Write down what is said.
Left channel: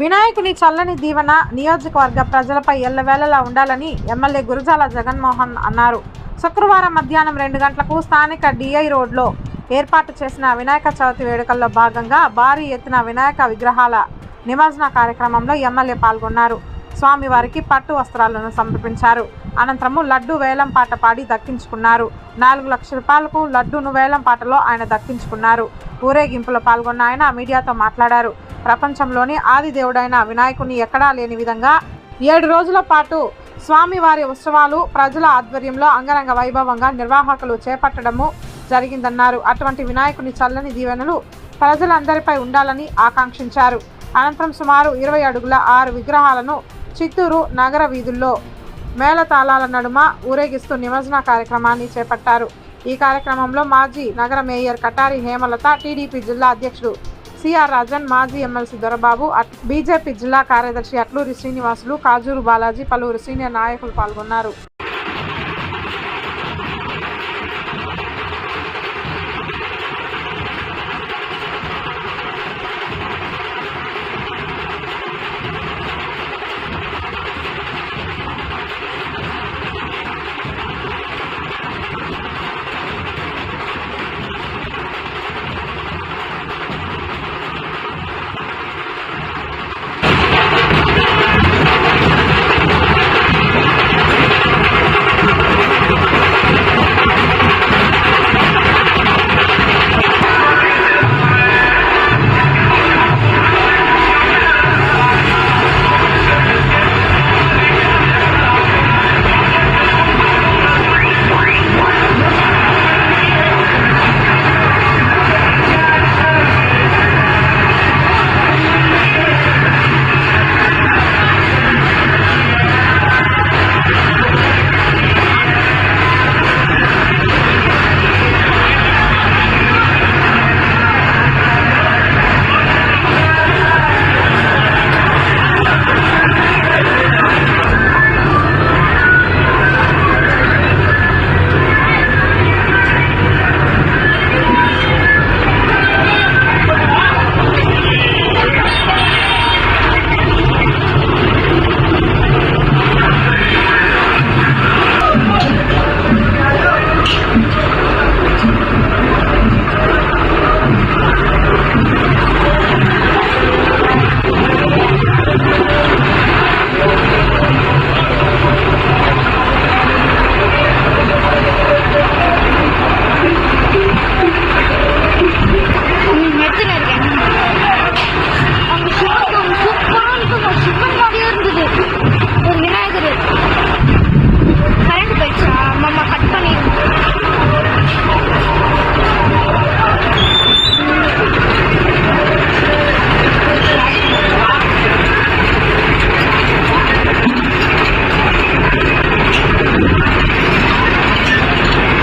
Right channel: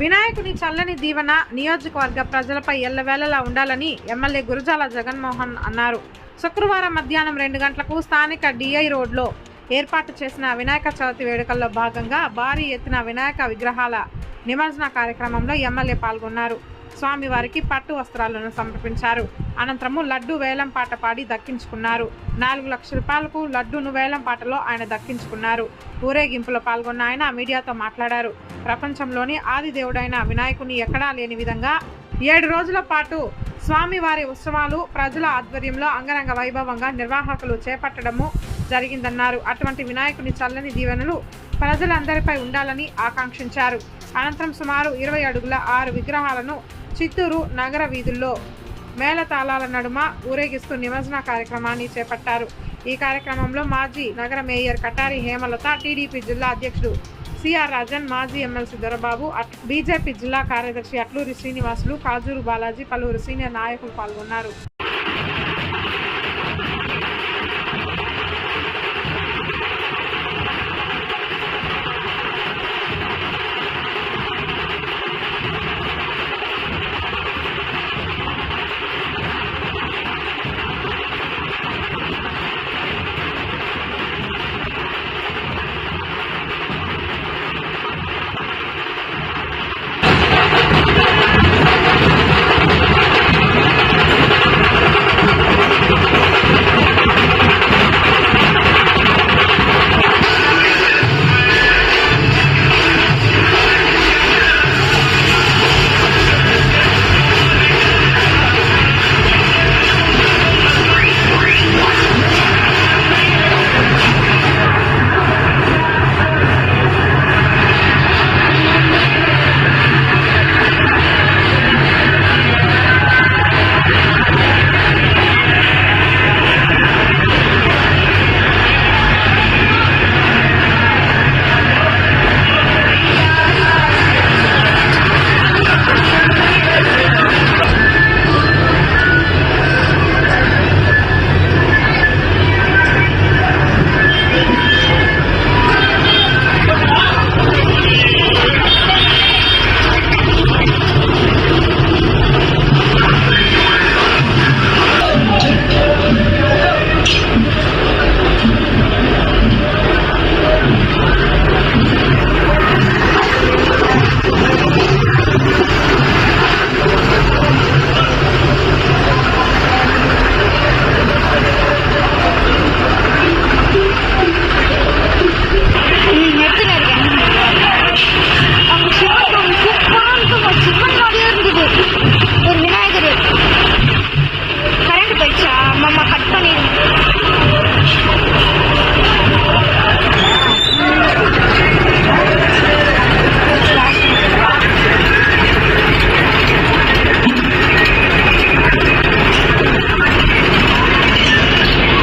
వినాయకుని చల్లని దీవెన నియోజకవర్గ ప్రజలపై ఎల్లవేళలా ఉండాలని ఎమ్మెల్యే గురజాల జగన్మోహన్ అన్నారు. శుక్రవారం మధ్యాహ్నం 2 గంటలకు స్థానిక డిఐ రోడ్లో ఏర్పాటు చేసిన వినాయక చవితి వేడుకల్లో భాగంగా భారీ ఎత్తున వినాయక విగ్రహాల నిమజ్జన కార్యక్రమంలో ఎమ్మెల్యే పాల్గొన్నారు. స్వామివారికి పట్టు వస్త్రాలను సమర్పించారు. అనంతరము లడ్డు వేలం పాట పాడి దక్కించుకున్నారు. 4 లక్షల రూపాయలకు లడ్డూను వేలం పాటలో ఆయన దక్కించుకున్నారు. ఊరేగింపులో పాల్గొన్న ఆయన మీడియాతో మాట్లాడారు. ప్రపంచంలోని ఆది దేవుడైన వినాయకుని ఎక్కడా లేని విధంగా 7 రోజుల పాటు స్వామివారి ఉత్సవాలు ప్రజల ఆధ్వర్యంలో అంగరంగ వైభవంగా నిర్వాహకులు చేపట్టడము జరిగిందన్నారు. అటువంటి వినాయకుని చల్లని దీవెనలు ప్రజలందరిపై ఉండాలని ఆకాంక్షించారు. అనంతరం సుమారు 20 అడుగుల 6 విగ్రహాలను చిత్తూరు నగర వీధుల్లో మేళతాళాల నడుమ ఊరేగిస్తూ నిమజ్జన కార్యక్రమాన్ని చేపట్టారు. ఈ కార్యక్రమంలో మాజీ నగర మేయర్ కటారి హేమలత, టీడీపీ జిల్లా అధ్యక్షుడు సిఆర్ రాజన్, మాజీ ఎమ్మెల్సీ దొరబాబు, బీజేపీ జిల్లా కార్యదర్శి అట్లూరి శ్రీనివాసులు, కాజూరు బాలాజీ, పలువురు సీనియర్ నాయకులు పాల్గొన్నారు.